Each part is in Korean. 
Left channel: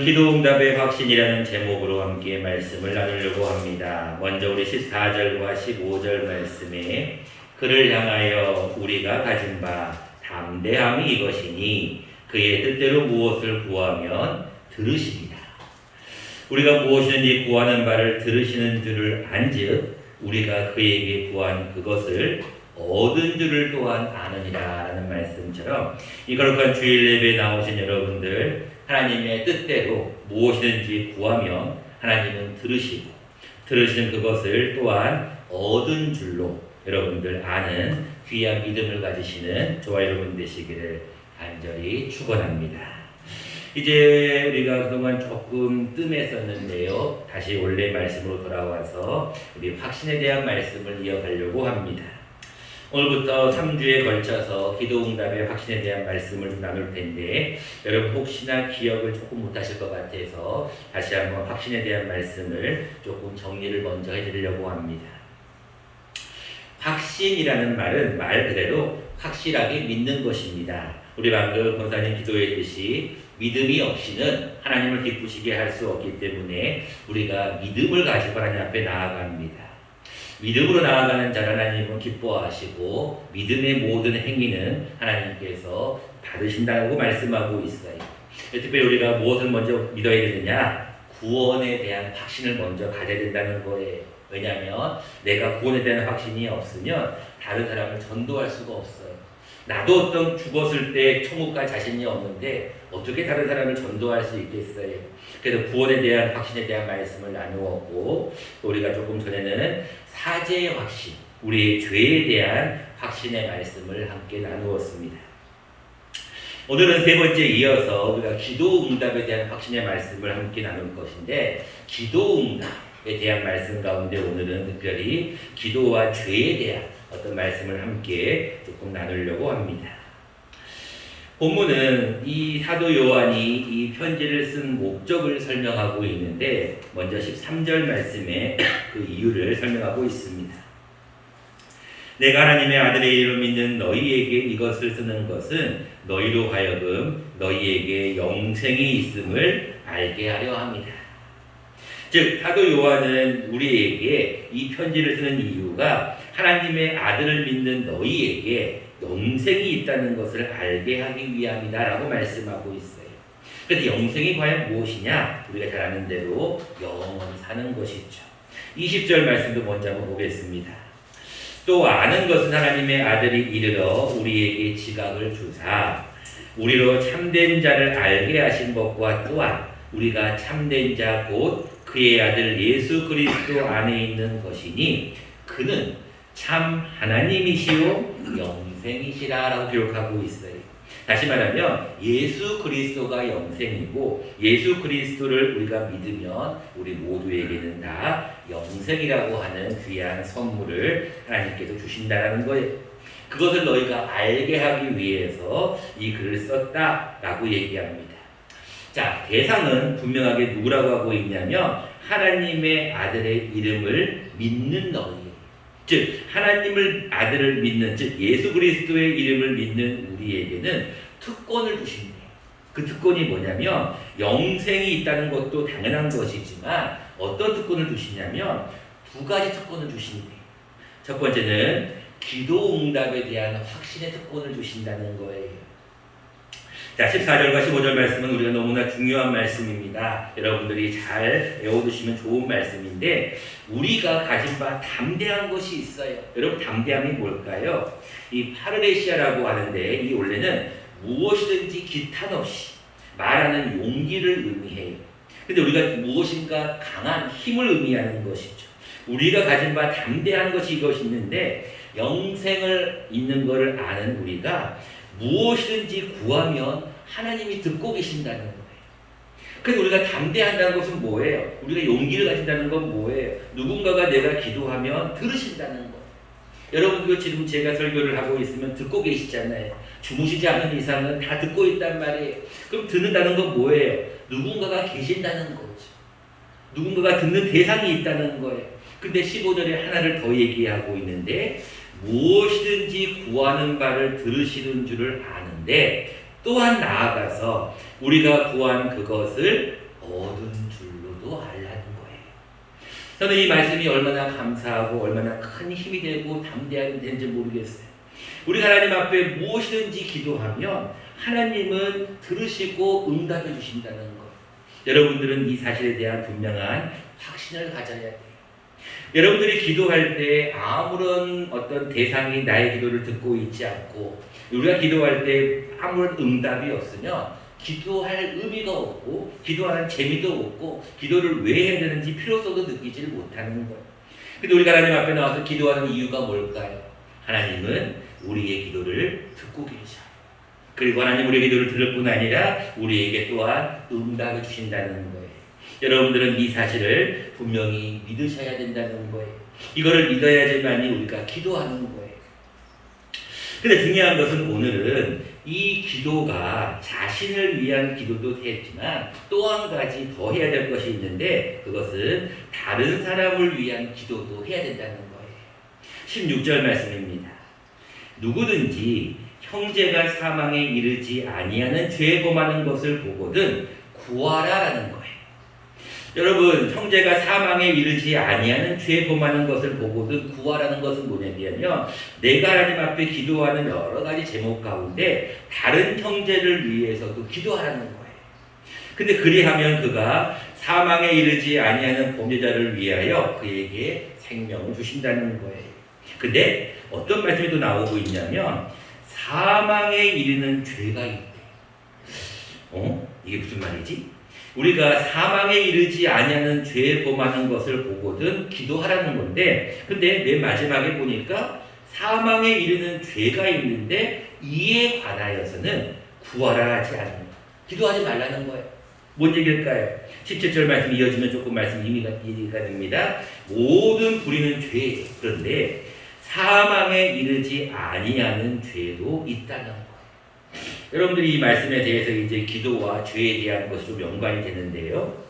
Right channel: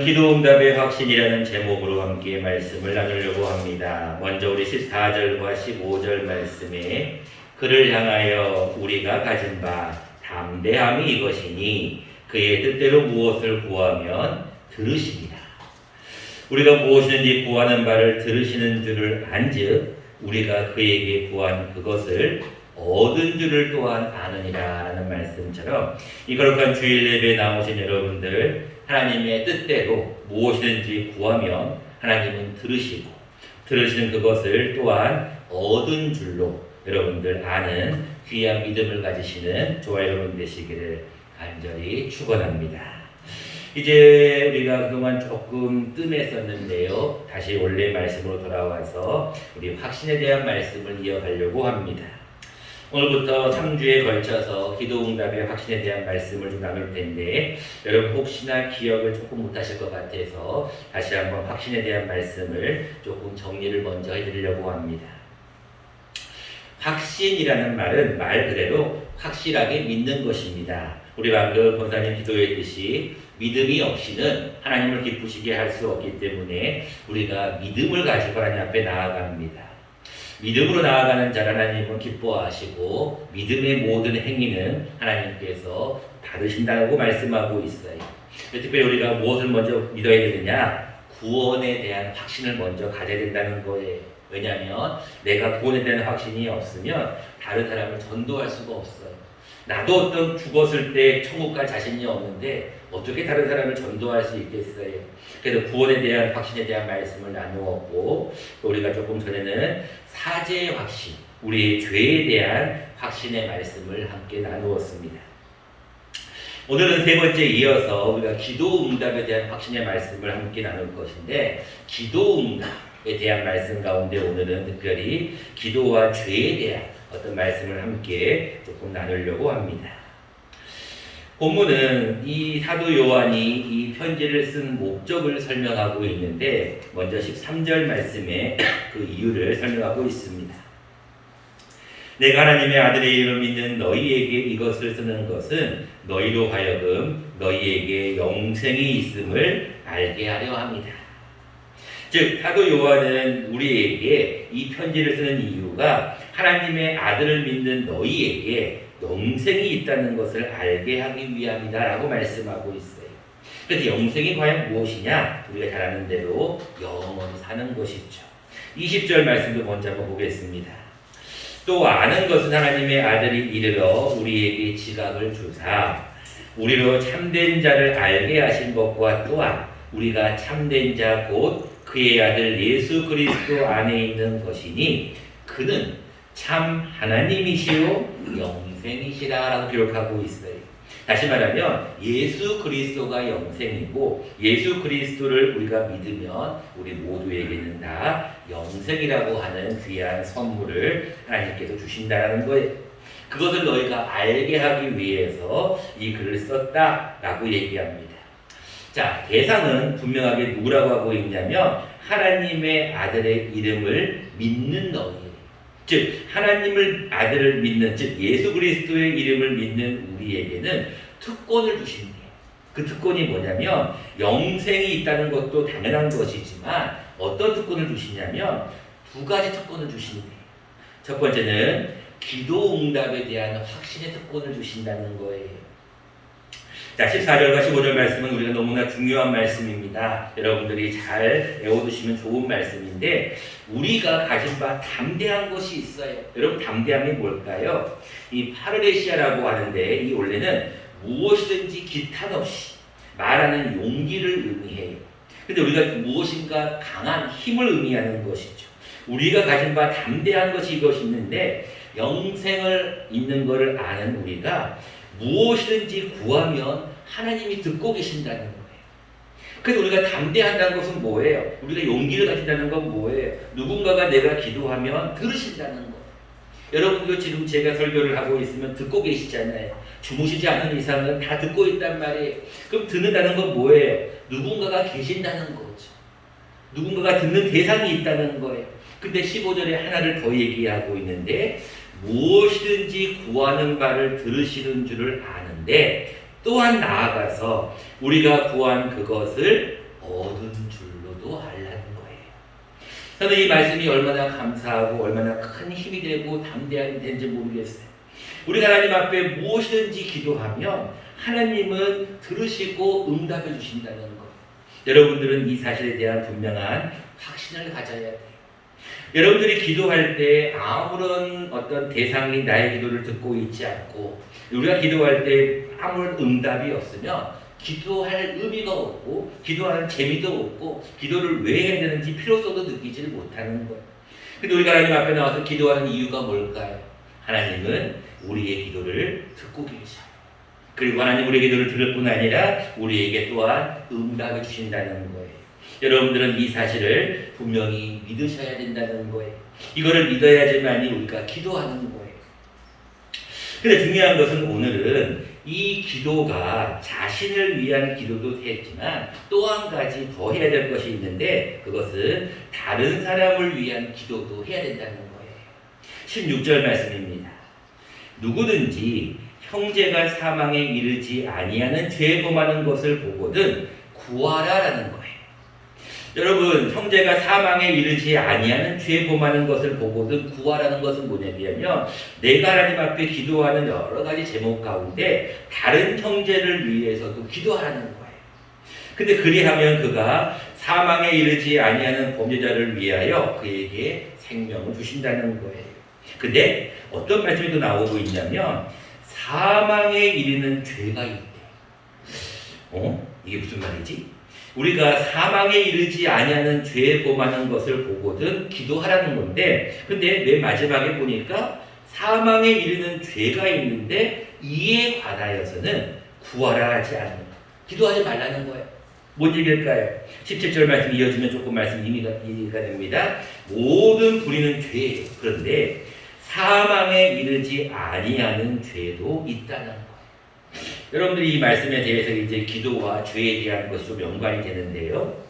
기도응답의 확신이라는 제목으로 함께 말씀을 나누려고 합니다. 먼저 우리 14절과 15절 말씀에 그를 향하여 우리가 가진 바 담대함이 이것이니 그의 뜻대로 무엇을 구하면 들으십니다. 우리가 무엇이든지 구하는 바를 들으시는 줄을 안즉 우리가 그에게 구한 그것을 얻은 줄을 또한 아느니라 라는 말씀처럼 이 거룩한 주일 예배에 나오신 여러분들 하나님의 뜻대로 무엇이든지 구하면 하나님은 들으시고 들으시는 그것을 또한 얻은 줄로 여러분들 아는 귀한 믿음을 가지시는 저와 여러분 되시기를 간절히 축원합니다. 이제 우리가 그동안 조금 뜸했었는데요. 다시 원래 말씀으로 돌아와서 우리 확신에 대한 말씀을 이어가려고 합니다. 오늘부터 3주에 걸쳐서 기도응답의 확신에 대한 말씀을 좀 나눌 텐데 여러분 혹시나 기억을 조금 못하실 것 같아서 다시 한번 확신에 대한 말씀을 조금 정리를 먼저 해드리려고 합니다. 확신이라는 말은 말 그대로 확실하게 믿는 것입니다. 우리 방금 권사님 기도했듯이 믿음이 없이는 하나님을 기쁘시게 할 수 없기 때문에 우리가 믿음을 가지고 하나님 앞에 나아갑니다. 믿음으로 나아가는 자를 하나님은 기뻐하시고 믿음의 모든 행위는 하나님께서 받으신다고 말씀하고 있어요. 특별히 우리가 무엇을 먼저 믿어야 되느냐? 구원에 대한 확신을 먼저 가져야 된다는 거예요. 왜냐하면 내가 구원에 대한 확신이 없으면 다른 사람을 전도할 수가 없어요. 나도 어떤 죽었을 때 천국 갈 자신이 없는데 어떻게 다른 사람을 전도할 수 있겠어요? 그래서 구원에 대한 확신에 대한 말씀을 나누었고 또 우리가 조금 전에는 사죄의 확신, 우리의 죄에 대한 확신의 말씀을 함께 나누었습니다. 오늘은 세 번째 이어서 우리가 기도응답에 대한 확신의 말씀을 함께 나눌 것인데 기도응답에 대한 말씀 가운데 오늘은 특별히 기도와 죄에 대한 어떤 말씀을 함께 조금 나누려고 합니다. 본문은 이 사도 요한이 이 편지를 쓴 목적을 설명하고 있는데 먼저 13절 말씀에 그 이유를 설명하고 있습니다. 내가 하나님의 아들의 이름을 믿는 너희에게 이것을 쓰는 것은 너희로 하여금 너희에게 영생이 있음을 알게 하려 합니다. 즉 사도 요한은 우리에게 이 편지를 쓰는 이유가 하나님의 아들을 믿는 너희에게 영생이 있다는 것을 알게 하기 위함이다라고 말씀하고 있어요. 그런데 영생이 과연 무엇이냐? 우리가 잘 아는 대로 영원히 사는 것이죠. 20절 말씀도 먼저 한번 보겠습니다. 또 아는 것은 하나님의 아들이 이르러 우리에게 지각을 주사 우리로 참된 자를 알게 하신 것과 또한 우리가 참된 자 곧 그의 아들 예수 그리스도 안에 있는 것이니 그는 참 하나님이시요 영생이시라라고 기록하고 있어요. 다시 말하면 예수 그리스도가 영생이고 예수 그리스도를 우리가 믿으면 우리 모두에게는 다 영생이라고 하는 귀한 선물을 하나님께서 주신다는 거예요. 그것을 너희가 알게 하기 위해서 이 글을 썼다라고 얘기합니다. 자, 대상은 분명하게 누구라고 하고 있냐면 하나님의 아들의 이름을 믿는 너희, 즉 하나님을 아들을 믿는, 즉 예수 그리스도의 이름을 믿는 우리에게는 특권을 주십니다. 그 특권이 뭐냐면 영생이 있다는 것도 당연한 것이지만 어떤 특권을 주시냐면 두 가지 특권을 주신대요. 첫 번째는 기도응답에 대한 확신의 특권을 주신다는 거예요. 자, 14절과 15절 말씀은 우리가 너무나 중요한 말씀입니다. 여러분들이 잘 외워두시면 좋은 말씀인데 우리가 가진 바 담대한 것이 있어요. 여러분 담대함이 뭘까요? 이 파르레시아라고 하는데 이 원래는 무엇이든지 기탄 없이 말하는 용기를 의미해요. 근데 우리가 무엇인가 강한 힘을 의미하는 것이죠. 우리가 가진 바 담대한 것이 이것이 있는데 영생을 있는 것을 아는 우리가 무엇이든지 구하면 하나님이 듣고 계신다는 거예요. 그래서 우리가 담대한다는 것은 뭐예요? 우리가 용기를 가진다는 건 뭐예요? 누군가가 내가 기도하면 들으신다는 거예요. 여러분도 지금 제가 설교를 하고 있으면 듣고 계시잖아요. 주무시지 않는 이상은 다 듣고 있단 말이에요. 그럼 듣는다는 건 뭐예요? 누군가가 계신다는 거죠. 누군가가 듣는 대상이 있다는 거예요. 근데 15절에 하나를 더 얘기하고 있는데 무엇이든지 구하는 바를 들으시는 줄을 아는데 또한 나아가서 우리가 구한 그것을 얻은 줄로도 알라는 거예요. 저는 이 말씀이 얼마나 감사하고 얼마나 큰 힘이 되고 담대한지 모르겠어요. 우리가 하나님 앞에 무엇이든지 기도하면 하나님은 들으시고 응답해 주신다는 것. 여러분들은 이 사실에 대한 분명한 확신을 가져야 돼요. 여러분들이 기도할 때 아무런 어떤 대상이 나의 기도를 듣고 있지 않고 우리가 기도할 때 아무런 응답이 없으면 기도할 의미가 없고 기도하는 재미도 없고 기도를 왜 해야 되는지 필요성도 느끼지 못하는 것. 근데 우리가 하나님 앞에 나와서 기도하는 이유가 뭘까요? 하나님은 우리의 기도를 듣고 계셔요. 그리고 하나님 우리의 기도를 들을 뿐 아니라 우리에게 또한 응답해 주신다는 거예요. 여러분들은 이 사실을 분명히 믿으셔야 된다는 거예요. 이거를 믿어야지만이 우리가 기도하는 거예요. 근데 중요한 것은 오늘은 이 기도가 자신을 위한 기도도 했지만 또 한 가지 더 해야 될 것이 있는데 그것은 다른 사람을 위한 기도도 해야 된다는 거예요. 16절 말씀입니다. 누구든지 형제가 사망에 이르지 아니하는 죄 범하는 것을 보거든 구하라라는 거예요. 여러분, 형제가 사망에 이르지 아니하는 죄 범하는 것을 보거든 구하라는 것은 뭐냐면 내가 하나님 앞에 기도하는 여러 가지 제목 가운데 다른 형제를 위해서도 기도하라는 거예요. 근데 그리하면 그가 사망에 이르지 아니하는 범죄자를 위하여 그에게 생명을 주신다는 거예요. 근데 어떤 말씀이 또 나오고 있냐면 사망에 이르는 죄가 있대. 이게 무슨 말이지? 우리가 사망에 이르지 아니하는 죄에 범하는 것을 보거든 기도하라는 건데 근데 맨 마지막에 보니까 사망에 이르는 죄가 있는데 이에 관하여서는 구하라 하지 않는 거. 기도하지 말라는 거예요. 뭔 얘기일까요? 17절 말씀 이어지면 조금 말씀 이해가 됩니다. 모든 불의는 죄예요. 그런데 사망에 이르지 아니하는 죄도 있다는 거. 여러분들이 이 말씀에 대해서 이제 기도와 죄에 대한 것이 좀 연관이 되는데요.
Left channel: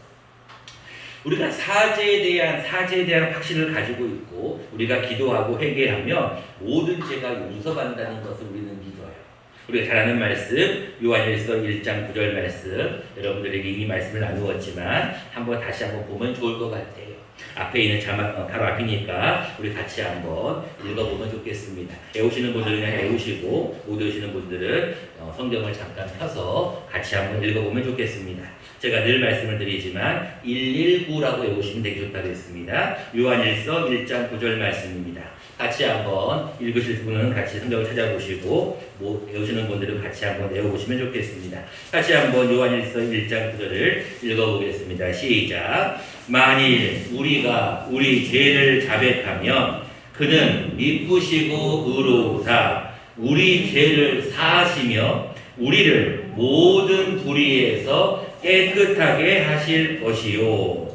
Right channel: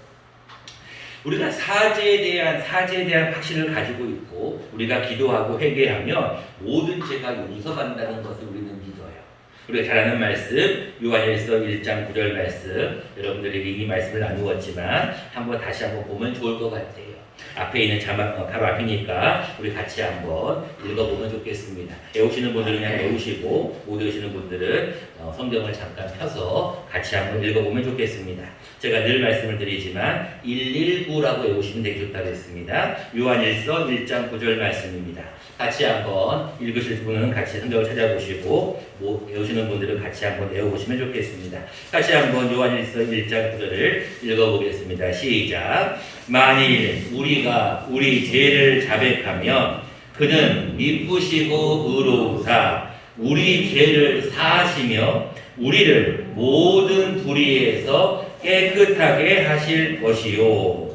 우리가 사죄에 대한 확신을 가지고 있고 우리가 기도하고 회개하면 모든 죄가 용서받는다는 것을 우리는 믿어요. 우리가 잘 아는 말씀 요한일서 1장 9절 말씀 여러분들에게 이 말씀을 나누었지만 다시 한번 보면 좋을 것 같아요. 앞에 있는 자막 바로 앞이니까 우리 같이 한번 읽어보면 좋겠습니다. 외우시는 분들은 그냥 외우시고 못 외우시는 분들은 성경을 잠깐 펴서 같이 한번 읽어보면 좋겠습니다. 제가 늘 말씀을 드리지만 119라고 외우시면 되게 좋다고 했습니다. 요한일서 1장 9절 말씀입니다. 같이 한번 읽으실 분은 같이 성경을 찾아보시고 외우시는 분들은 같이 한번 외워보시면 좋겠습니다. 같이 한번 요한일서 1장 9절을 읽어보겠습니다. 시작. 만일 우리가 우리 죄를 자백하면 그는 미쁘시고 의로우사 우리 죄를 사하시며 우리를 모든 불의에서 깨끗하게 하실 것이요.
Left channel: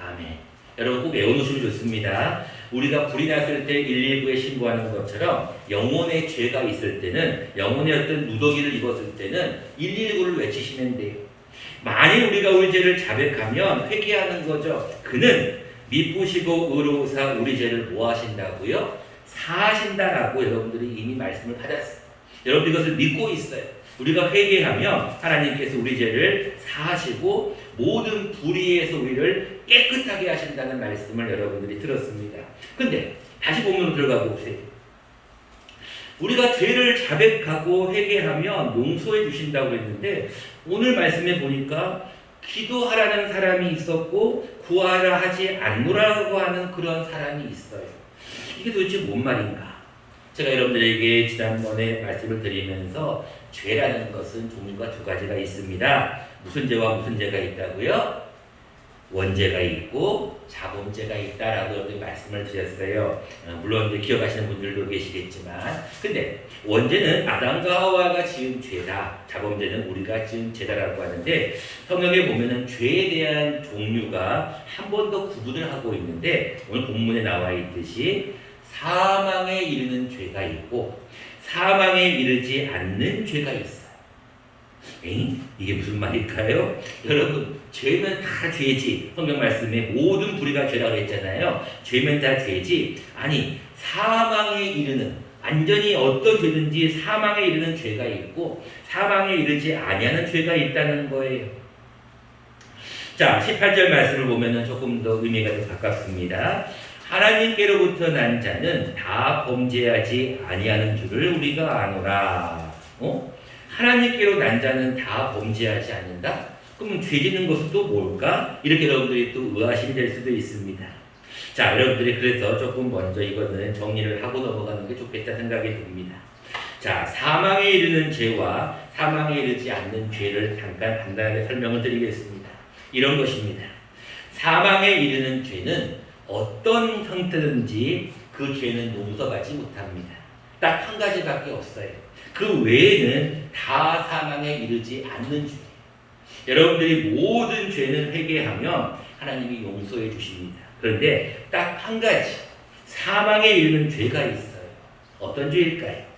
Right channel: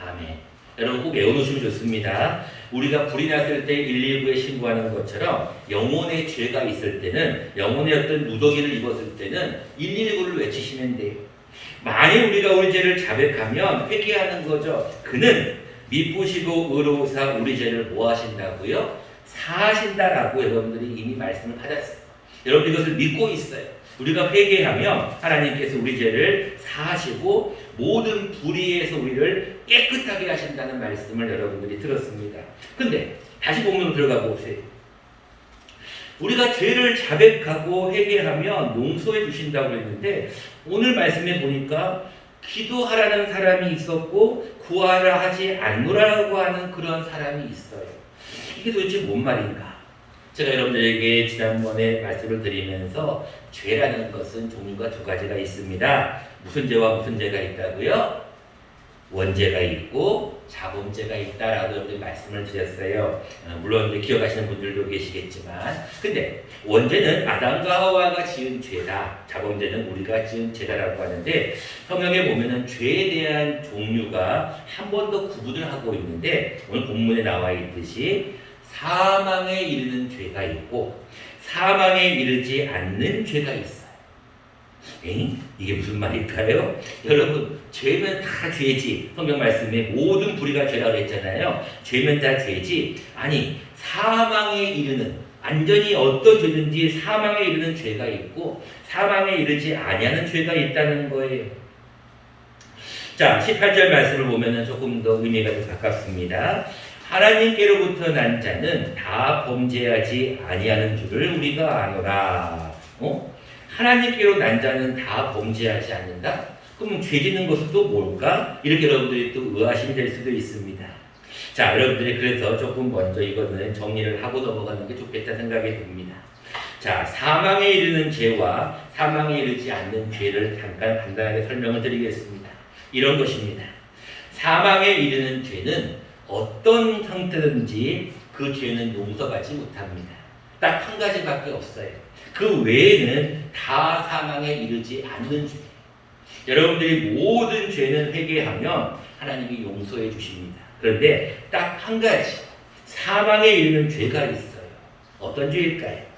아멘. 여러분 꼭 외워놓으시면 좋습니다. 우리가 불이 났을 때 119에 신고하는 것처럼 영혼의 죄가 있을 때는 영혼의 어떤 누더기를 입었을 때는 119를 외치시면 돼요. 만일 우리가 우리 죄를 자백하면 회개하는 거죠. 그는 미쁘시고 의로우사 우리 죄를 뭐 하신다고요? 사하신다라고 여러분들이 이미 말씀을 받았어요. 여러분 이것을 믿고 있어요. 우리가 회개하면 하나님께서 우리 죄를 사하시고 모든 불의에서 우리를 깨끗하게 하신다는 말씀을 여러분들이 들었습니다. 근데 다시 본문으로 들어가 보세요. 우리가 죄를 자백하고 회개하면 용서해 주신다고 했는데 오늘 말씀에 보니까 기도하라는 사람이 있었고 구하라 하지 않노라고 하는 그런 사람이 있어요. 이게 도대체 뭔 말인가? 제가 여러분들에게 지난번에 말씀을 드리면서 죄라는 것은 종류가 두 가지가 있습니다. 무슨 죄와 무슨 죄가 있다고요? 원죄가 있고 자범죄가 있다라고 여러분들이 말씀을 드렸어요. 물론 기억하시는 분들도 계시겠지만 근데 원죄는 아담과 하와가 지은 죄다. 자범죄는 우리가 지은 죄다라고 하는데 성경에 보면은 죄에 대한 종류가 한 번 더 구분을 하고 있는데 오늘 본문에 나와 있듯이 사망에 이르는 죄가 있고 사망에 이르지 않는 죄가 있어요. 이게 무슨 말일까요? 여러분 죄면 다 죄지. 성경 말씀에 모든 불의가 죄라고 했잖아요. 죄면 다 죄지. 아니 사망에 이르는 완전히 어떤 죄든지 사망에 이르는 죄가 있고 사망에 이르지 아니하는 죄가 있다는 거예요. 자, 18절 말씀을 보면은 조금 더 의미가 좀 가깝습니다. 하나님께로부터 난 자는 다 범죄하지 아니하는 줄을 우리가 아노라. 하나님께로 난 자는 다 범죄하지 않는다? 그럼 죄 짓는 것은 또 뭘까? 이렇게 여러분들이 또 의아심이 될 수도 있습니다. 자, 여러분들이 그래서 조금 먼저 이거는 정리를 하고 넘어가는 게 좋겠다 생각이 듭니다. 자, 사망에 이르는 죄와 사망에 이르지 않는 죄를 잠깐 간단하게 설명을 드리겠습니다. 이런 것입니다. 사망에 이르는 죄는 어떤 형태든지 그 죄는 용서받지 못합니다. 딱 한 가지밖에 없어요. 그 외에는 다 사망에 이르지 않는 죄. 여러분들이 모든 죄는 회개하면 하나님이 용서해 주십니다. 그런데 딱 한 가지 사망에 이르는 죄가 있어요. 어떤 죄일까요?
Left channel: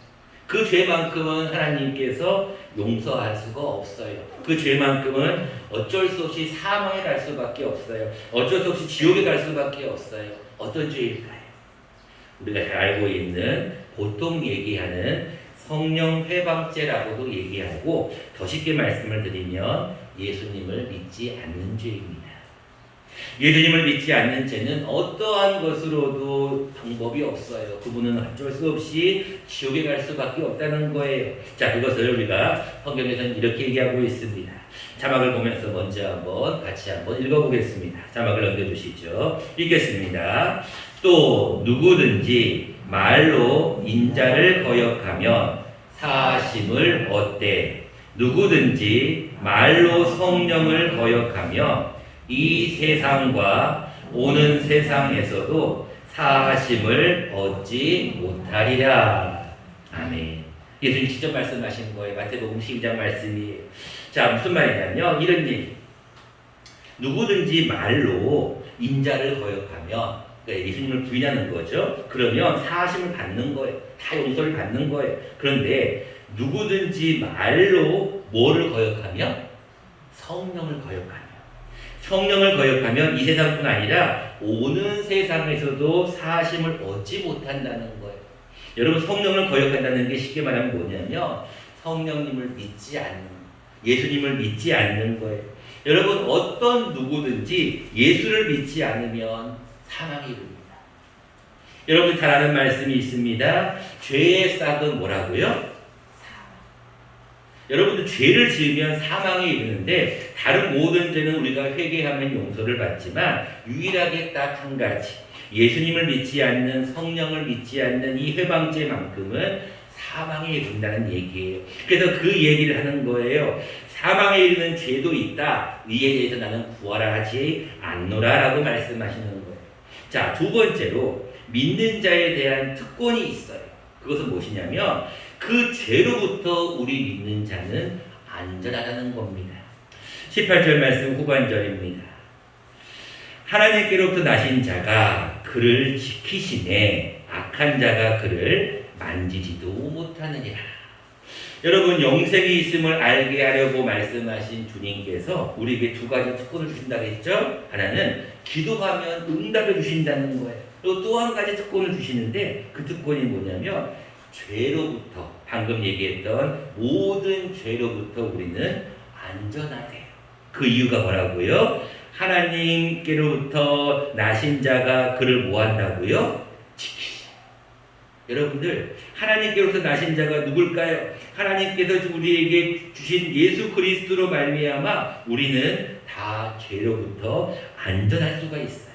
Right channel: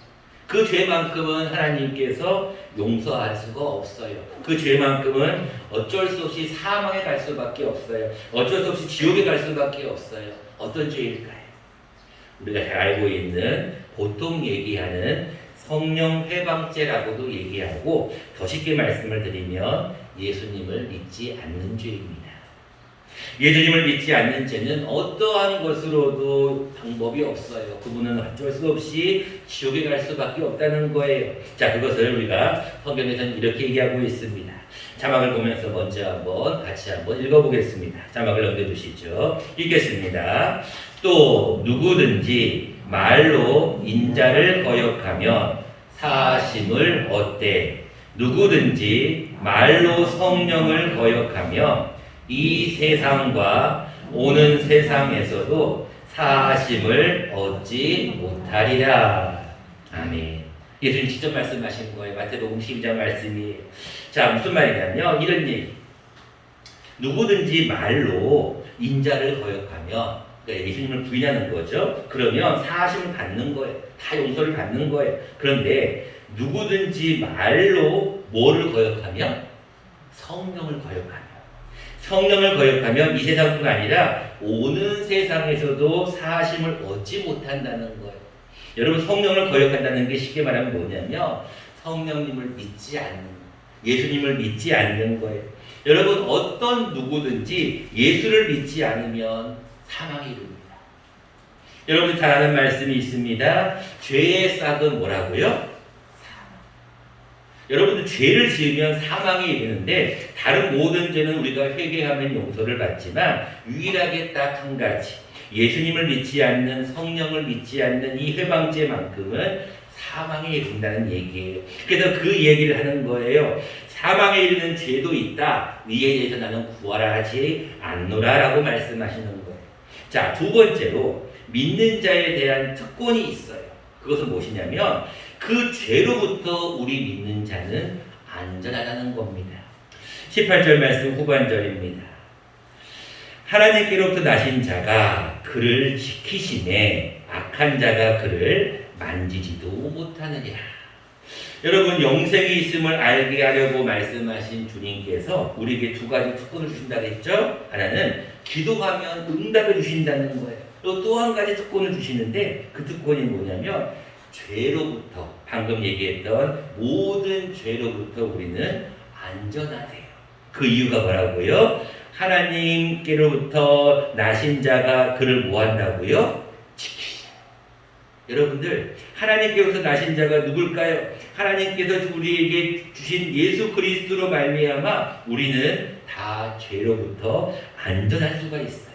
그 죄만큼은 하나님께서 용서할 수가 없어요. 그 죄만큼은 어쩔 수 없이 사망에 갈 수밖에 없어요. 어쩔 수 없이 지옥에 갈 수밖에 없어요. 어떤 죄일까요? 우리가 잘 알고 있는 보통 얘기하는 성령 회방죄라고도 얘기하고 더 쉽게 말씀을 드리면 예수님을 믿지 않는 죄입니다. 예수님을 믿지 않는 죄는 어떠한 것으로도 방법이 없어요. 그분은 어쩔 수 없이 지옥에 갈 수밖에 없다는 거예요. 자, 그것을 우리가 성경에서는 이렇게 얘기하고 있습니다. 자막을 보면서 먼저 같이 한번 읽어보겠습니다. 자막을 넘겨주시죠. 읽겠습니다. 또 누구든지 말로 인자를 거역하면 사하심을 얻되 누구든지 말로 성령을 거역하며 이 세상과 오는 세상에서도 사하심을 얻지 못하리라. 아멘. 예수님 직접 말씀하신 거예요. 마태복음 12장 말씀이에요. 자, 무슨 말이냐면 이런 얘기. 누구든지 말로 인자를 거역하면 그러니까 예수님을 부인하는 거죠. 그러면 사하심을 받는 거예요. 다 용서를 받는 거예요. 그런데 누구든지 말로 뭐를 거역하면? 성령을 거역하면. 성령을 거역하면 이 세상뿐 아니라 오는 세상에서도 사하심을 얻지 못한다는 거예요. 여러분, 성령을 거역한다는 게 쉽게 말하면 뭐냐면 성령님을 믿지 않는, 예수님을 믿지 않는 거예요. 여러분, 어떤 누구든지 예수를 믿지 않으면 사망에 이릅니다. 여러분 잘 아는 말씀이 있습니다. 죄의 싹은 뭐라고요? 여러분들 죄를 지으면 사망에 이르는데 다른 모든 죄는 우리가 회개하면 용서를 받지만 유일하게 딱 한 가지 예수님을 믿지 않는 성령을 믿지 않는 이 회방죄만큼은 사망에 이른다는 얘기예요. 그래서 그 얘기를 하는 거예요. 사망에 이르는 죄도 있다. 이에 대해서 나는 구하라 하지 않노라 라고 말씀하시는 거예요. 자, 두 번째로 믿는 자에 대한 특권이 있어요. 그것은 무엇이냐면 그 죄로부터 우리 믿는 자는 안전하다는 겁니다. 18절 말씀 후반절입니다. 하나님께로부터 나신 자가 그를 지키심에 악한 자가 그를 만지지도 못하느니라. 여러분, 영생이 있음을 알게 하려고 말씀하신 주님께서 우리에게 두 가지 특권을 주신다고 했죠. 하나는 기도하면 응답해 주신다는 거예요. 또 한 가지 특권을 주시는데 그 특권이 뭐냐면 죄로부터, 방금 얘기했던 모든 죄로부터 우리는 안전하대요. 그 이유가 뭐라고요? 하나님께로부터 나신 자가 그를 뭐한다고요? 지키자. 여러분들, 하나님께로부터 나신 자가 누굴까요? 하나님께서 우리에게 주신 예수 그리스도로 말미암아 우리는 다 죄로부터 안전할 수가 있어요.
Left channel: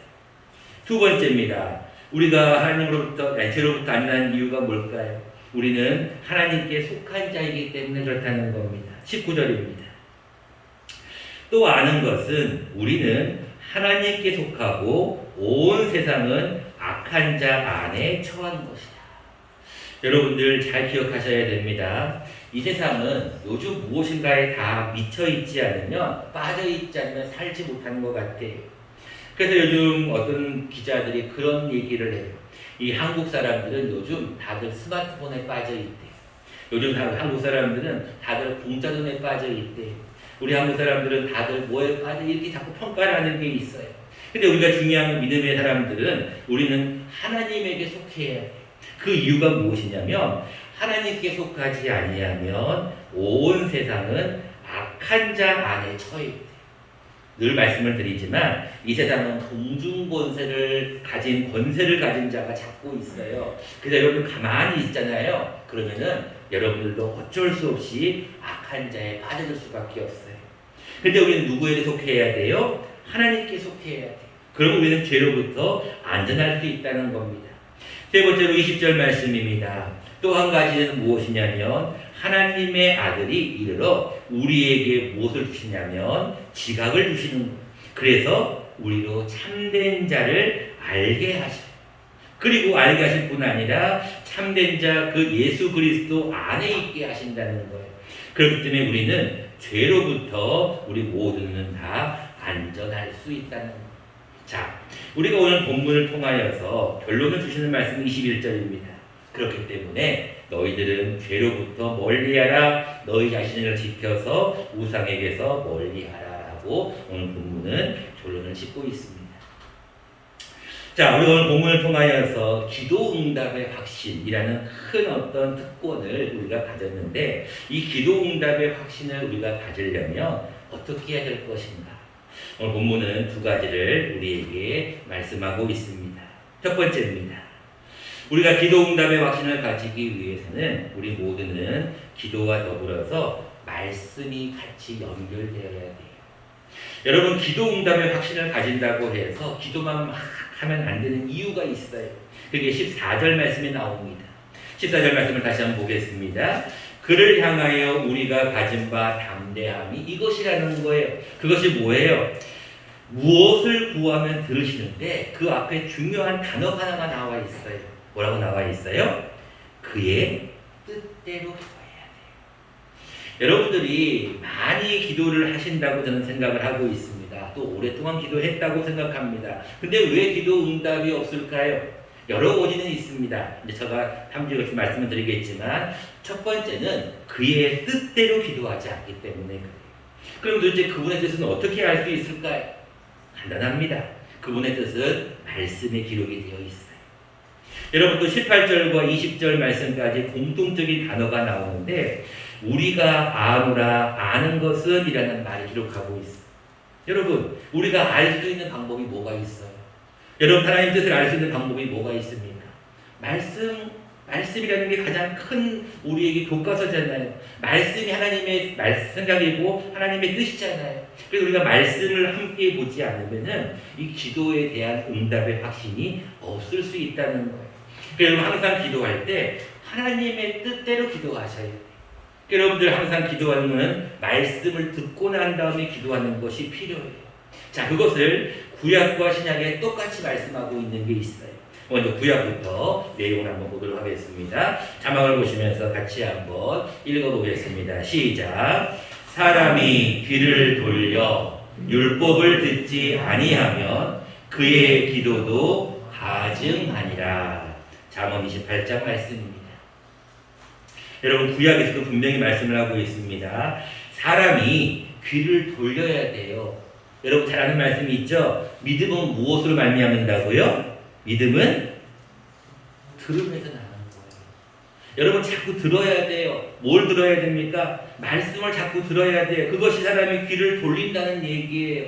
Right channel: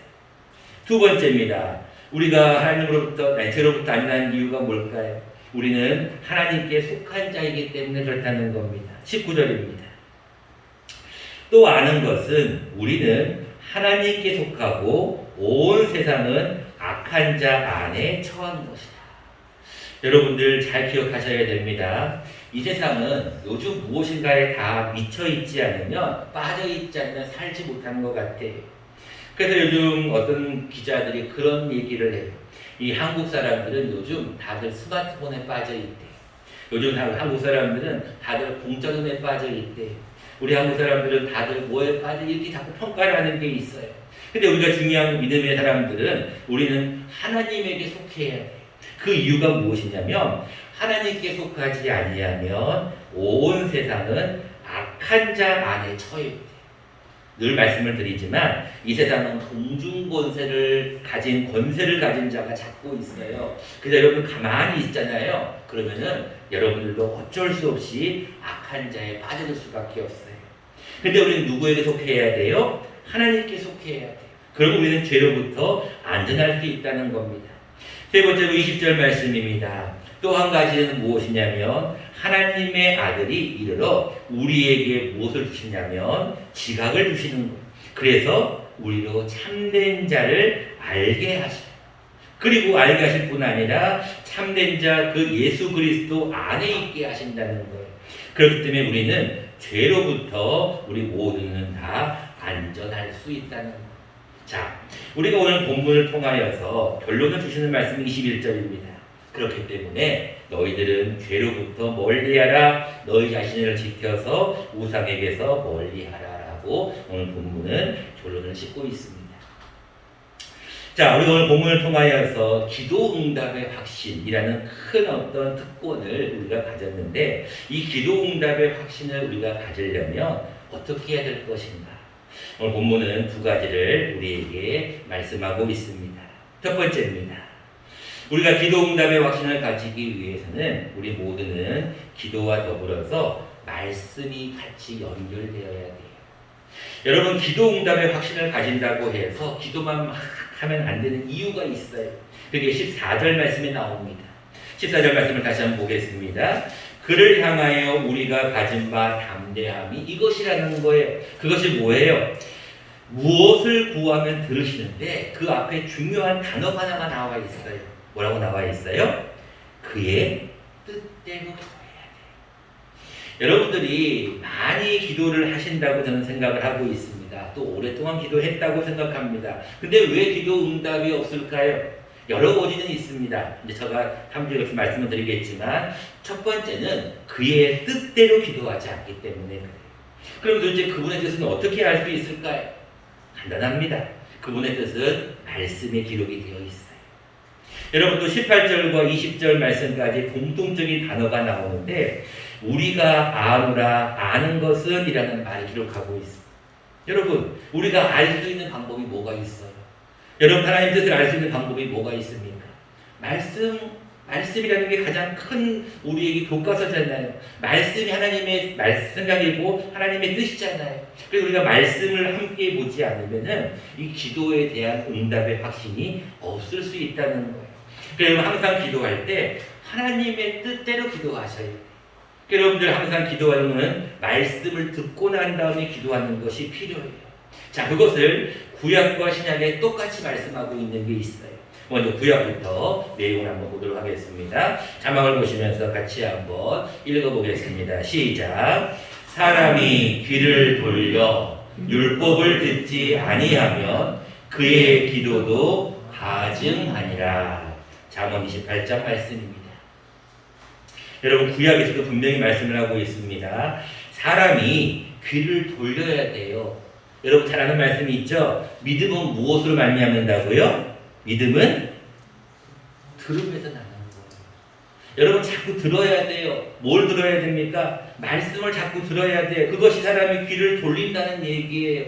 두 번째입니다. 우리가 하나님으로부터, 죄로부터 안전한 이유가 뭘까요? 우리는 하나님께 속한 자이기 때문에 그렇다는 겁니다. 19절입니다. 또 아는 것은 우리는 하나님께 속하고 온 세상은 악한 자 안에 처한 것이다. 여러분들 잘 기억하셔야 됩니다. 이 세상은 요즘 무엇인가에 다 미쳐있지 않으면, 빠져있지 않으면 살지 못하는 것 같아요. 그래서 요즘 어떤 기자들이 그런 얘기를 해요. 이 한국 사람들은 요즘 다들 스마트폰에 빠져있대. 요즘 한국 사람들은 다들 공짜금에 빠져있대. 우리 한국 사람들은 다들 뭐에 빠져 이렇게 자꾸 평가를 하는 게 있어요. 근데 우리가 중요한 믿음의 사람들은 우리는 하나님에게 속해야 해요. 그 이유가 무엇이냐면 하나님께 속하지 아니하면 온 세상은 악한 자 안에 처해 있대. 늘 말씀을 드리지만 이 세상은 공중권세를 가진 자가 잡고 있어요. 그래서 여러분 가만히 있잖아요. 그러면은 여러분들도 어쩔 수 없이 악한 자에 빠져들 수밖에 없어요. 근데 우리는 누구에게 속해야 돼요? 하나님께 속해야 돼요. 그럼 우리는 죄로부터 안전할 수 있다는 겁니다. 세 번째로 20절 말씀입니다. 또 한 가지는 무엇이냐면 하나님의 아들이 이르러 우리에게 무엇을 주시냐면 지각을 주시는 거예요. 그래서 우리로 참된 자를 알게 하셔요. 그리고 알게 하실 뿐 아니라 참된 자 그 예수 그리스도 안에 있게 하신다는 거예요. 그렇기 때문에 우리는 죄로부터 우리 모두는 다 안전할 수 있다는 거예요. 자, 우리가 오늘 본문을 통하여서 결론을 주시는 말씀은 21절입니다. 그렇기 때문에 너희들은 죄로부터 멀리하라, 너희 자신을 지켜서 우상에게서 멀리하라라고 오늘 본문은 결론을 짓고 있습니다. 자, 우리 오늘 본문을 통하여서 기도응답의 확신이라는 큰 어떤 특권을 우리가 가졌는데 이 기도응답의 확신을 우리가 가지려면 어떻게 해야 될 것인가? 오늘 본문은 두 가지를 우리에게 말씀하고 있습니다. 첫 번째입니다. 우리가 기도응답의 확신을 가지기 위해서는 우리 모두는 기도와 더불어서 말씀이 같이 연결되어야 돼요. 여러분 기도응답의 확신을 가진다고 해서 기도만 막 하면 안 되는 이유가 있어요. 그게 14절 말씀에 나옵니다. 14절 말씀을 다시 한번 보겠습니다. 그를 향하여 우리가 가진 바 담대함이 이것이라는 거예요. 그것이 뭐예요? 무엇을 구하면 들으시는데 그 앞에 중요한 단어가 하나가 나와 있어요. 뭐라고 나와 있어요? 그의 뜻대로 구해야 돼요. 여러분들이 많이 기도를 하신다고 저는 생각을 하고 있습니다. 또 오랫동안 기도했다고 생각합니다. 근데 왜 기도 응답이 없을까요? 여러 원인은 있습니다. 이제 제가 3주에 말씀을 드리겠지만 첫 번째는 그의 뜻대로 기도하지 않기 때문에 그래요. 그럼 도대체 그분의 뜻은 어떻게 알 수 있을까요? 간단합니다. 그분의 뜻은 말씀에 기록이 되어 있어요. 여러분도 18절과 20절 말씀까지 공통적인 단어가 나오는데 우리가 아노라 아는 것은 이라는 말을 기록하고 있어요. 여러분 우리가 알 수 있는 방법이 뭐가 있어요? 여러분 하나님의 뜻을 알 수 있는 방법이 뭐가 있습니까? 말씀이라는 게 가장 큰 우리에게 교과서잖아요. 말씀이 하나님의 생각이고 하나님의 뜻이잖아요. 그래서 우리가 말씀을 함께 보지 않으면은 이 기도에 대한 응답의 확신이 없을 수 있다는 거예요. 그래서 항상 기도할 때 하나님의 뜻대로 기도하셔야 돼요. 여러분들 항상 기도하는 말씀을 듣고 난 다음에 기도하는 것이 필요해요. 자, 그것을 구약과 신약에 똑같이 말씀하고 있는 게 있어요. 먼저 구약부터 내용을 한번 보도록 하겠습니다. 자막을 보시면서 같이 한번 읽어보겠습니다. 시작. 사람이 귀를 돌려 율법을 듣지 아니하면 그의 기도도 가증하니라. 잠언 28장 말씀입니다. 여러분 구약에서도 분명히 말씀을 하고 있습니다. 사람이 귀를 돌려야 돼요. 여러분 잘 아는 말씀이 있죠? 믿음은 무엇으로 말미암는다고요? 믿음은 들음에서 나는 거예요. 여러분 자꾸 들어야 돼요. 뭘 들어야 됩니까? 말씀을 자꾸 들어야 돼요. 그것이 사람이 귀를 돌린다는 얘기예요.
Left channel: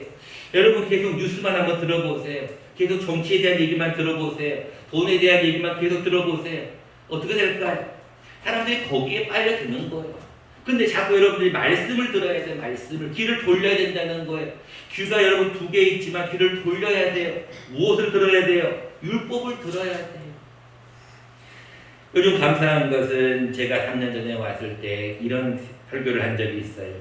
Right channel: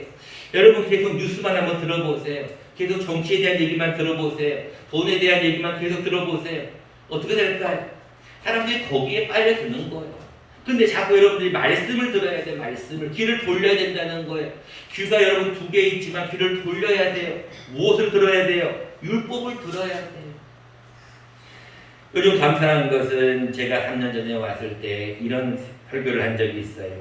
여러분 계속 뉴스만 한번 들어보세요. 계속 정치에 대한 얘기만 들어보세요. 돈에 대한 얘기만 계속 들어보세요. 어떻게 될까요? 사람들이 거기에 빨려드는 거예요. 근데 자꾸 여러분들이 말씀을 들어야 돼요. 말씀을. 귀를 돌려야 된다는 거예요. 귀가 여러분 두 개 있지만 귀를 돌려야 돼요. 무엇을 들어야 돼요? 율법을 들어야 돼요. 요즘 감사한 것은 제가 3년 전에 왔을 때 이런 설교를 한 적이 있어요.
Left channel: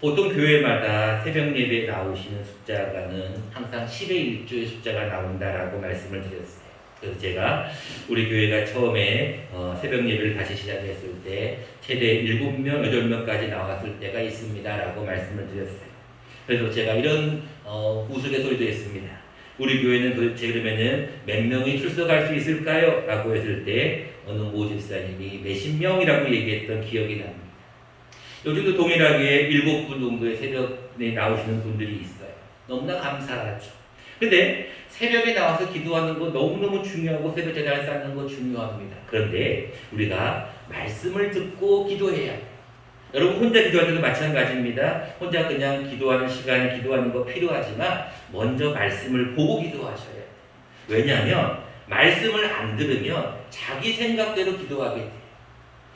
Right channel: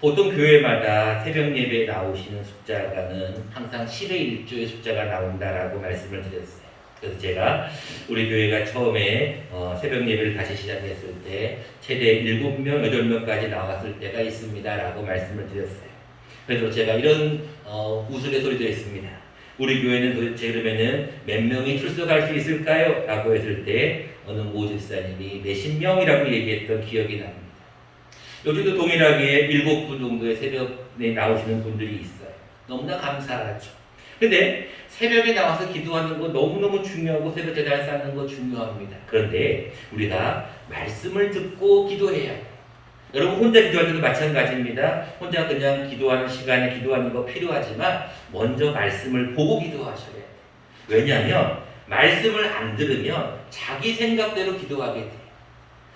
보통 교회마다 새벽 예배에 나오시는 숫자가는 항상 10의 1조의 숫자가 나온다라고 말씀을 드렸어요. 그래서 제가 우리 교회가 처음에 새벽 예배를 다시 시작했을 때 최대 7명, 8명까지 나왔을 때가 있습니다라고 말씀을 드렸어요. 그래서 제가 이런 우스갯소리도 했습니다. 우리 교회는 도대체 그러면은 몇 명이 출석할 수 있을까요? 라고 했을 때 어느 모집사님이 몇십 명이라고 얘기했던 기억이 납니다. 요즘도 동일하게 7분 정도의 새벽에 나오시는 분들이 있어요. 너무나 감사하죠. 근데 새벽에 나와서 기도하는 거 너무너무 중요하고 새벽 제단을 쌓는 거 중요합니다. 그런데 우리가 말씀을 듣고 기도해야 돼요. 여러분 혼자 기도할 때도 마찬가지입니다. 혼자 그냥 기도하는 시간에 기도하는 거 필요하지만 먼저 말씀을 보고 기도하셔야 돼요. 왜냐하면 말씀을 안 들으면 자기 생각대로 기도하게 돼요.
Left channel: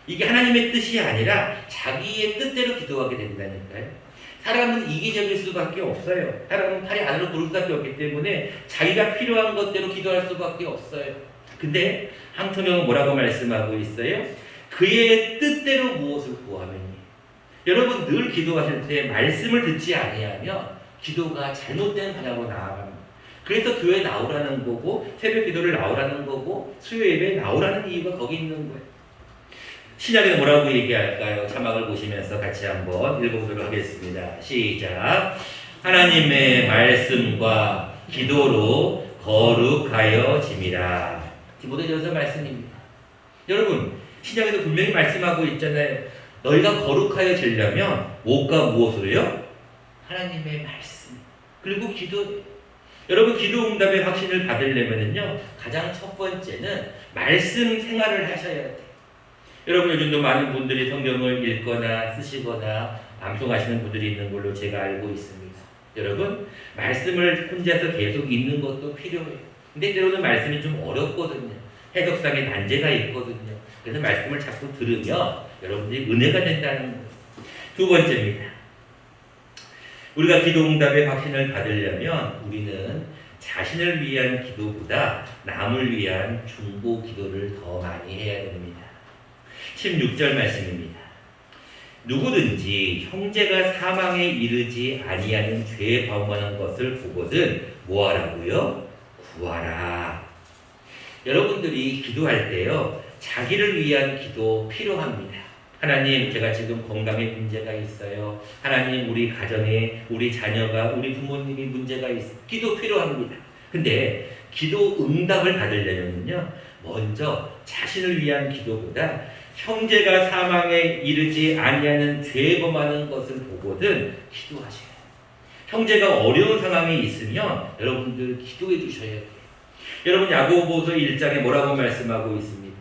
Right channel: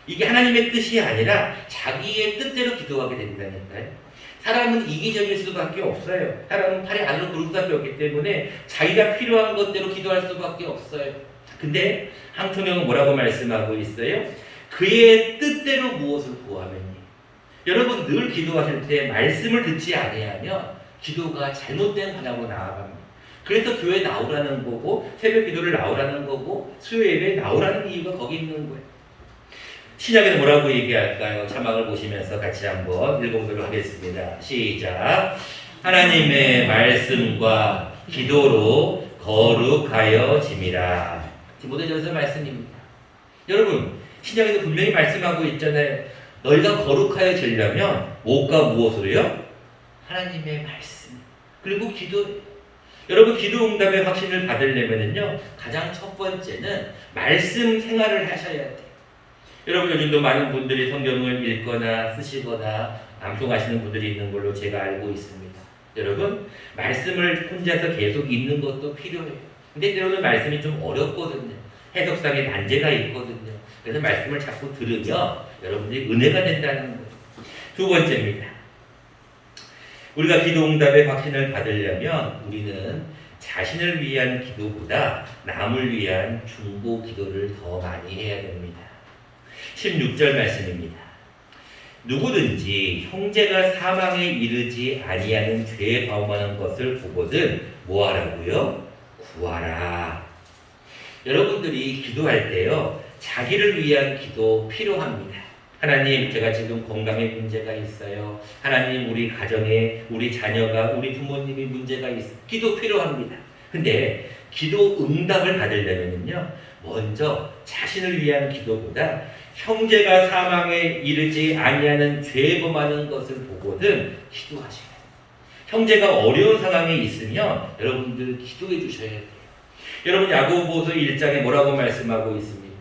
이게 하나님의 뜻이 아니라 자기의 뜻대로 기도하게 된다니까요. 사람은 이기적일 수밖에 없어요. 사람은 팔이 안으로 굴 수밖에 없기 때문에 자기가 필요한 것대로 기도할 수밖에 없어요. 근데 한통령은 뭐라고 말씀하고 있어요? 그의 뜻대로 무엇을 구하면 여러분 늘 기도하실 때 말씀을 듣지 아니하면 기도가 잘못된 방향으로 나아갑니다. 그래서 교회 나오라는 거고 새벽 기도를 나오라는 거고 수요 예배에 나오라는 이유가 거기 있는 거예요. 신약에는 뭐라고 얘기할까요? 자막을 보시면서 같이 한번 읽어보도록 하겠습니다. 시작. 하나님의 말씀과 기도로 거룩하여짐이라. 디모데전서 말씀입니다. 여러분 신약에도 분명히 말씀하고 있잖아요. 너희가 거룩하여지려면 무엇과 무엇으로요? 하나님의 말씀 그리고 기도. 여러분 기도 응답의 확신을 받으려면요 가장 첫 번째는 말씀 생활을 하셔야 돼요. 여러분 요즘도 많은 분들이 성경을 읽거나 쓰시거나 방송하시는 분들이 있는 걸로 제가 알고 있습니다. 여러분 말씀을 혼자서 계속 읽는 것도 필요해요. 근데 때로는 말씀이 좀 어렵거든요. 해석상의 난제가 있거든요. 그래서 말씀을 자꾸 들으면 여러분들이 은혜가 된다는 거예요. 두 번째입니다. 우리가 기도 응답의 확신을 받으려면 우리는 자신을 위한 기도보다 남을 위한 중보 기도를 더 많이 해야 됩니다. 16절 말씀입니다. 누구든지 형제가 사망에 이르지 아니하는 죄에 범하는 것을 보거든 뭐하라고요? 구하라. 여러분들이 기도할 때요 자기를 위한 기도 필요합니다. 하나님 제가 지금 건강에 문제가 있어요. 하나님 우리 가정에 우리 자녀가 우리 부모님이 문제가 있어요. 기도 필요합니다. 근데 기도 응답을 받으려면요 먼저 자신을 위한 기도보다 형제가 사망에 이르지 아니하는 죄에 범하는 것을 보거든 기도하셔야 돼요. 형제가 어려운 상황에 있으면 여러분들 기도해 주셔야 돼요. 여러분 야고보서 1장에 뭐라고 말씀하고 있습니다.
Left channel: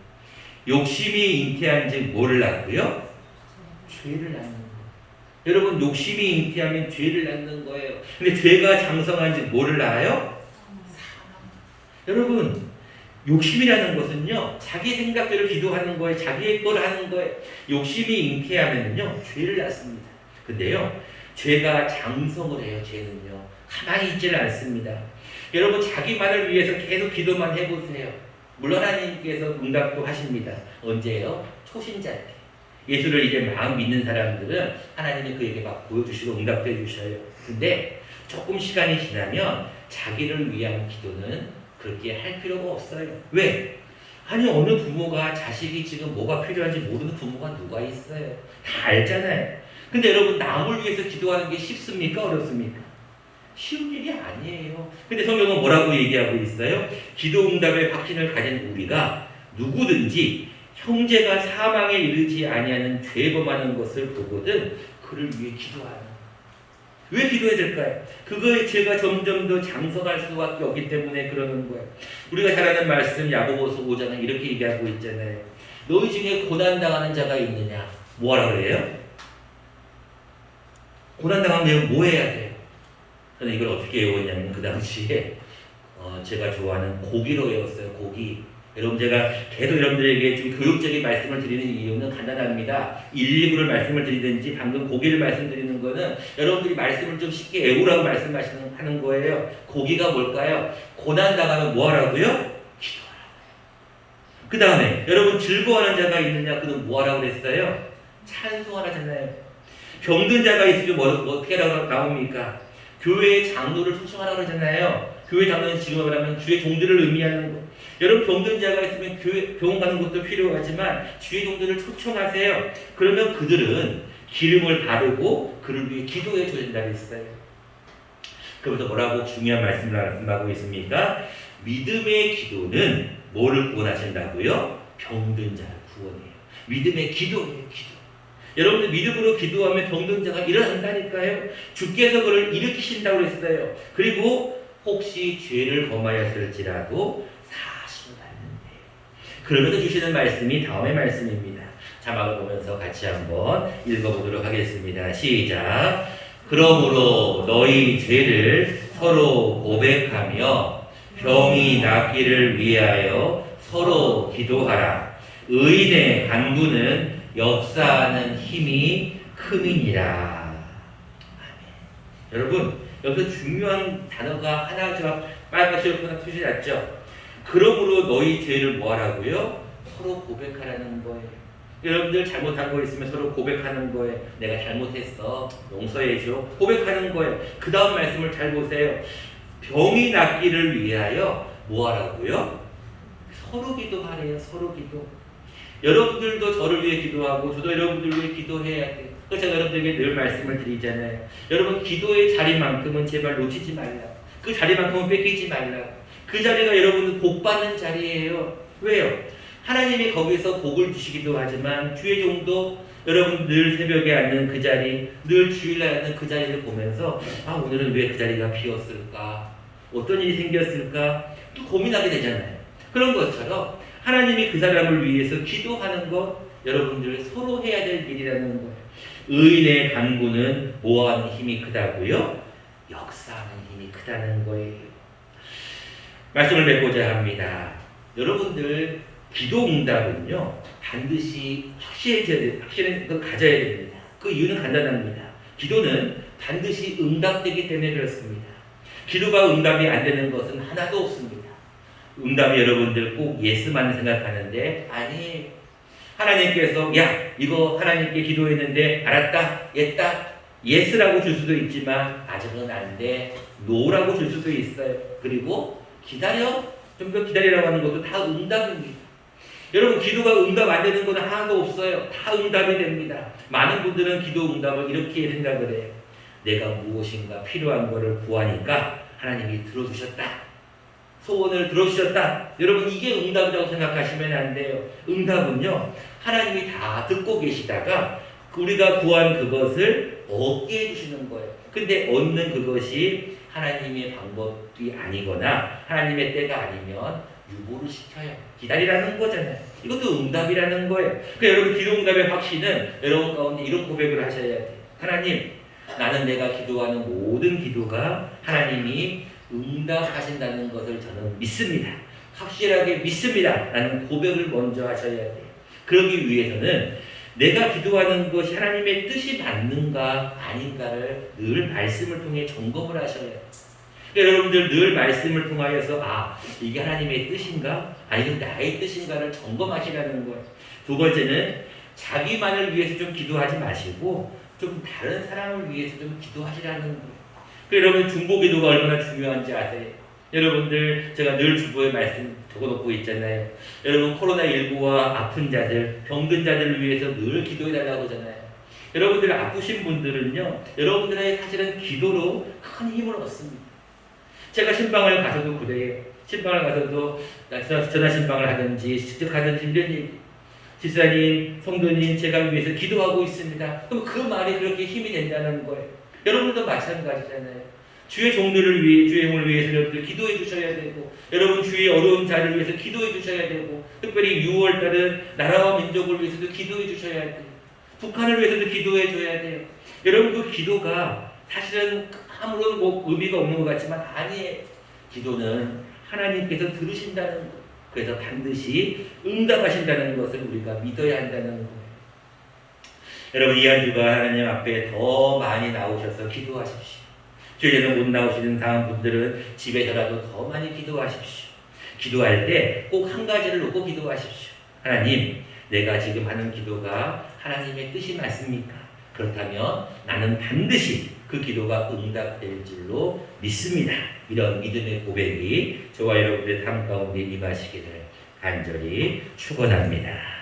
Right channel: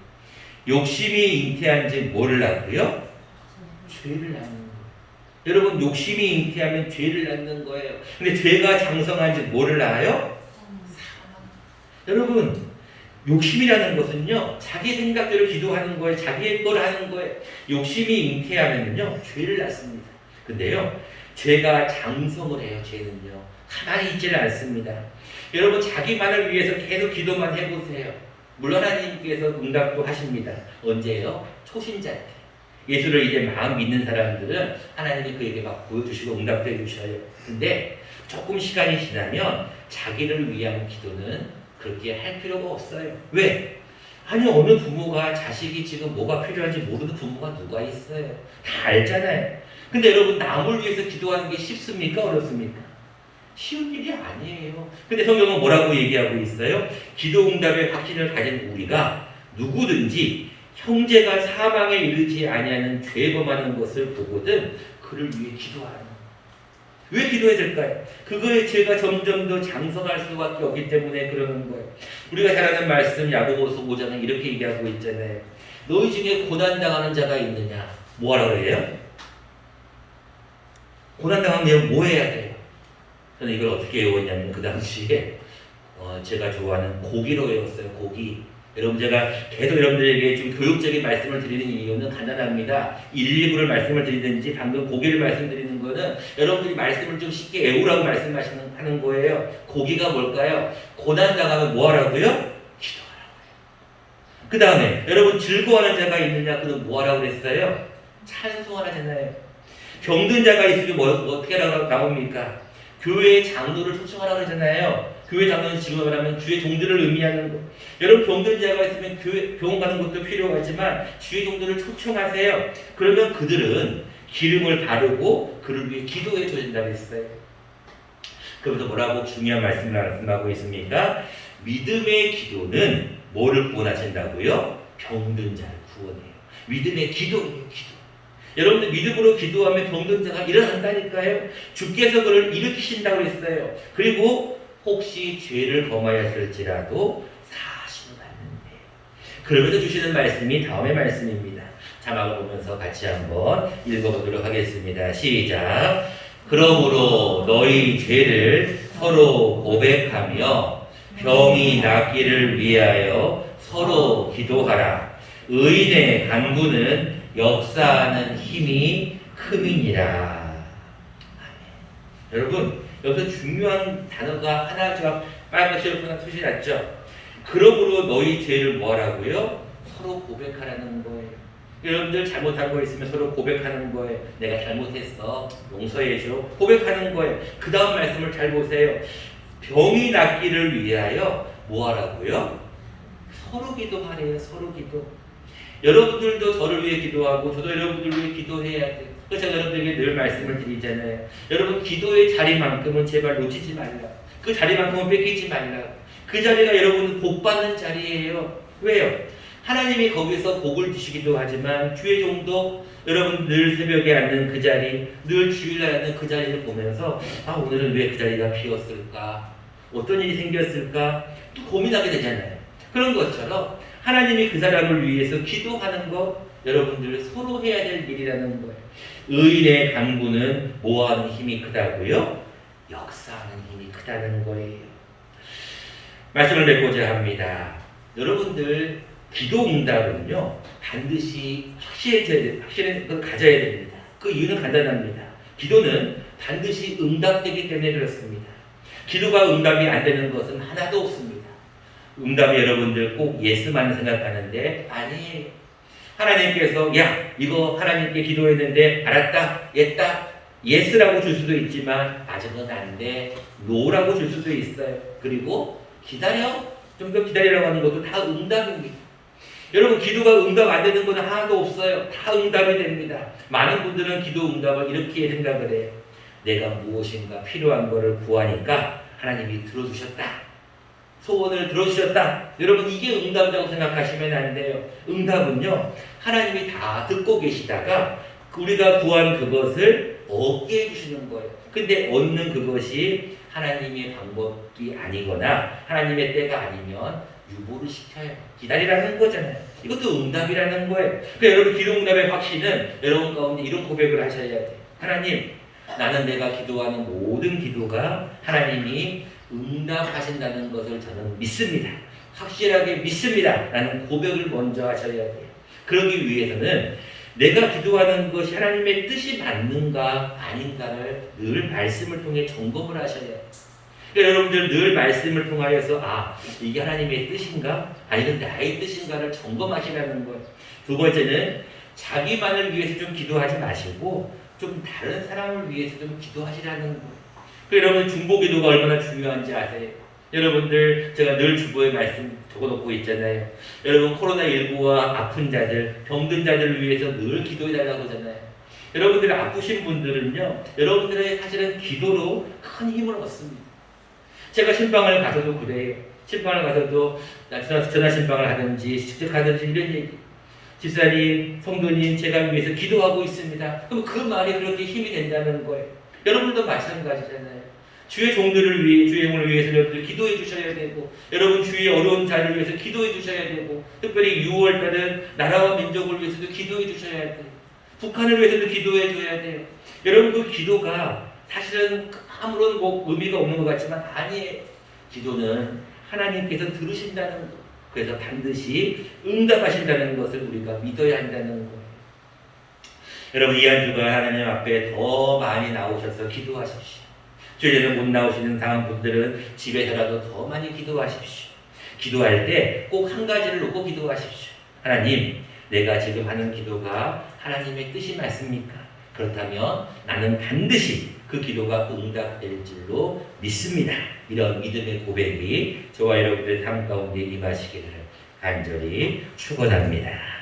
욕심이 잉태한 지 뭐를 낳고요? 죄를 낳는 거예요. 여러분 욕심이 잉태하면 죄를 낳는 거예요. 근데 죄가 장성한 지 뭐를 낳아요? 사망. 여러분 욕심이라는 것은요 자기 생각대로 기도하는 거예요. 자기의 걸 하는 거예요. 욕심이 잉태하면요 죄를 낳습니다. 근데요 죄가 장성을 해요. 죄는요 가만히 있지는 않습니다. 여러분 자기만을 위해서 계속 기도만 해보세요. 물론 하나님께서 응답도 하십니다. 언제요? 초신자 때. 예수를 이제 막 믿는 사람들은 하나님이 그에게 막 보여주시고 응답도 해주셔요. 근데 조금 시간이 지나면 자기를 위한 기도는 그렇게 할 필요가 없어요. 왜? 아니 어느 부모가 자식이 지금 뭐가 필요한지 모르는 부모가 누가 있어요. 다 알잖아요. 근데 여러분 남을 위해서 기도하는 게 쉽습니까? 어렵습니까? 쉬운 일이 아니에요. 근데 성경은 뭐라고 얘기하고 있어요? 기도 응답의 확신을 가진 우리가 누구든지 형제가 사망에 이르지 아니하는 죄 범하는 것을 보거든 그를 위해 기도하는 거예요. 왜 기도해야 될까요? 그거의 죄가 점점 더 장성할 수밖에 없기 때문에 그러는 거예요. 우리가 잘 아는 말씀 야고보서 5장은 이렇게 얘기하고 있잖아요. 너희 중에 고난당하는 자가 있느냐? 뭐 하라고 그래요? 고난당하면 뭐 해야 돼요? 저는 이걸 어떻게 외웠냐면 그 당시에 제가 좋아하는 고기로 외웠어요. 고기. 여러분 제가 계속 여러분들에게 좀 교육적인 말씀을 드리는 이유는 간단합니다. 1, 2부를 말씀을 드리든지 방금 고기를 말씀드리는 거는 여러분들이 말씀을 좀 쉽게 외우라고 말씀하는 거예요. 고기가 뭘까요? 고난당하면 뭐 하라고요? 기도하라고. 그 다음에 여러분 즐거워하는 자가 있느냐? 그는 뭐 하라고 그랬어요? 찬송하라잖아요. 병든 자가 있으면 어떻게 나옵니까? 교회의 장로를 초청하라고 그러잖아요. 교회 장로는 지금 말하면 주의 종들을 의미하는 거. 여러분 병든 자가 있으면 교회 병원 가는 것도 필요하지만 주의 종들을 초청하세요. 그러면 그들은 기름을 바르고 그를 위해 기도해 줘야 된다고 했어요. 그러면서 뭐라고 중요한 말씀을 말씀하고 있습니까? 믿음의 기도는 뭐를 구원하신다고요? 병든 자를 구원해요. 믿음의 기도예요. 기도. 여러분들 믿음으로 기도하면 병든 자가 일어난다니까요. 주께서 그를 일으키신다고 했어요. 그리고 혹시 죄를 범하였을지라도 사하심을 받는데 그러면서 주시는 말씀이 다음의 말씀입니다. 자막을 보면서 같이 한번 읽어보도록 하겠습니다. 시작. 그러므로 너희 죄를 서로 고백하며 병이 낫기를 위하여 서로 기도하라. 의인의 간구는 역사하는 힘이 큼이니라. 여러분, 여기서 중요한 단어가 하나가 빨간색 표시 났죠? 그러므로 너희 죄를 뭐하라고요? 서로 고백하라는 거예요. 여러분들 잘못한 거 있으면 서로 고백하는 거예요. 내가 잘못했어. 용서해줘. 고백하는 거예요. 그 다음 말씀을 잘 보세요. 병이 낫기를 위하여 뭐하라고요? 서로 기도하래요. 서로 기도. 여러분들도 저를 위해 기도하고 저도 여러분들 위해 기도해야 돼요. 그래서 제가 여러분들에게 늘 말씀을 드리잖아요. 여러분 기도의 자리만큼은 제발 놓치지 말라. 그 자리만큼은 뺏기지 말라. 그 자리가 여러분 복 받는 자리예요. 왜요? 하나님이 거기서 복을 주시기도 하지만 주의 종도 여러분 늘 새벽에 앉는 그 자리, 늘 주일날 앉는 그 자리를 보면서 아 오늘은 왜 그 자리가 비었을까? 어떤 일이 생겼을까? 또 고민하게 되잖아요. 그런 것처럼 하나님이 그 사람을 위해서 기도하는 것 여러분들 서로 해야 될 일이라는 거예요. 의인의 간구는 뭐하는 힘이 크다고요? 역사하는 힘이 크다는 거예요. 말씀을 맺고자 합니다. 여러분들 기도 응답은요 반드시 확실히 가져야 됩니다. 그 이유는 간단합니다. 기도는 반드시 응답되기 때문에 그렇습니다. 기도가 응답이 안 되는 것은 하나도 없습니다. 응답이 여러분들 꼭 예스만 생각하는데 아니에요. 하나님께서 야 이거 하나님께 기도했는데 알았다 했다 예스라고 줄 수도 있지만 아직은 안 돼 노라고 줄 수도 있어요. 그리고 기다려 좀 더 기다리라고 하는 것도 다 응답입니다. 여러분 기도가 응답 안 되는 건 하나도 없어요. 다 응답이 됩니다. 많은 분들은 기도 응답을 이렇게 생각을 해요. 내가 무엇인가 필요한 것을 구하니까 하나님이 들어주셨다. 소원을 들어주셨다. 여러분 이게 응답이라고 생각하시면 안 돼요. 응답은요 하나님이 다 듣고 계시다가 우리가 구한 그것을 얻게 해주시는 거예요. 근데 얻는 그것이 하나님의 방법이 아니거나 하나님의 때가 아니면 유보를 시켜요. 기다리라는 거잖아요. 이것도 응답이라는 거예요. 그러니까 여러분 기도 응답의 확신은 여러분 가운데 이런 고백을 하셔야 돼요. 하나님 나는 내가 기도하는 모든 기도가 하나님이 응답하신다는 것을 저는 믿습니다. 확실하게 믿습니다. 라는 고백을 먼저 하셔야 돼요. 그러기 위해서는 내가 기도하는 것이 하나님의 뜻이 맞는가 아닌가를 늘 말씀을 통해 점검을 하셔야 해요. 그러니까 여러분들 늘 말씀을 통하여서 아 이게 하나님의 뜻인가 아니면 나의 뜻인가를 점검하시라는 거예요. 두 번째는 자기만을 위해서 좀 기도하지 마시고 좀 다른 사람을 위해서 좀 기도하시라는 거예요. 여러분 중보기도가 얼마나 중요한지 아세요? 여러분들 제가 늘 주보에 말씀 적어놓고 있잖아요. 여러분 코로나19와 아픈 자들, 병든 자들을 위해서 늘 기도해달라고 하잖아요. 여러분들 아프신 분들은요. 여러분들의 사실은 기도로 큰 힘을 얻습니다. 제가 신방을 가서도 그래요. 신방을 가서도 전화 신방을 하든지 직접 하든지 이런 얘기. 집사님, 성도님 제가 위해서 기도하고 있습니다. 그럼 그 말이 그렇게 힘이 된다는 거예요. 여러분도 마찬가지잖아요. 주의 종들을 위해, 주의 영을 위해서 여러분들 기도해 주셔야 되고, 여러분 주의 어려운 자를 위해서 기도해 주셔야 되고, 특별히 6월달은 나라와 민족을 위해서도 기도해 주셔야 돼요. 북한을 위해서도 기도해 줘야 돼요. 여러분 그 기도가 사실은 아무런 의미가 없는 것 같지만 아니에요. 기도는 하나님께서 들으신다는 것, 그래서 반드시 응답하신다는 것을 우리가 믿어야 한다는 것. 여러분 이 한 주간 하나님 앞에 더 많이 나오셔서 기도하십시오. 교회는 못 나오시는 다음 분들은 집에서라도 더 많이 기도하십시오. 기도할 때 꼭 한 가지를 놓고 기도하십시오. 하나님, 내가 지금 하는 기도가 하나님의 뜻이 맞습니까? 그렇다면 나는 반드시 그 기도가 응답될 줄로 믿습니다. 이런 믿음의 고백이 저와 여러분들의 삶 가운데 임하시기를 간절히 축원합니다.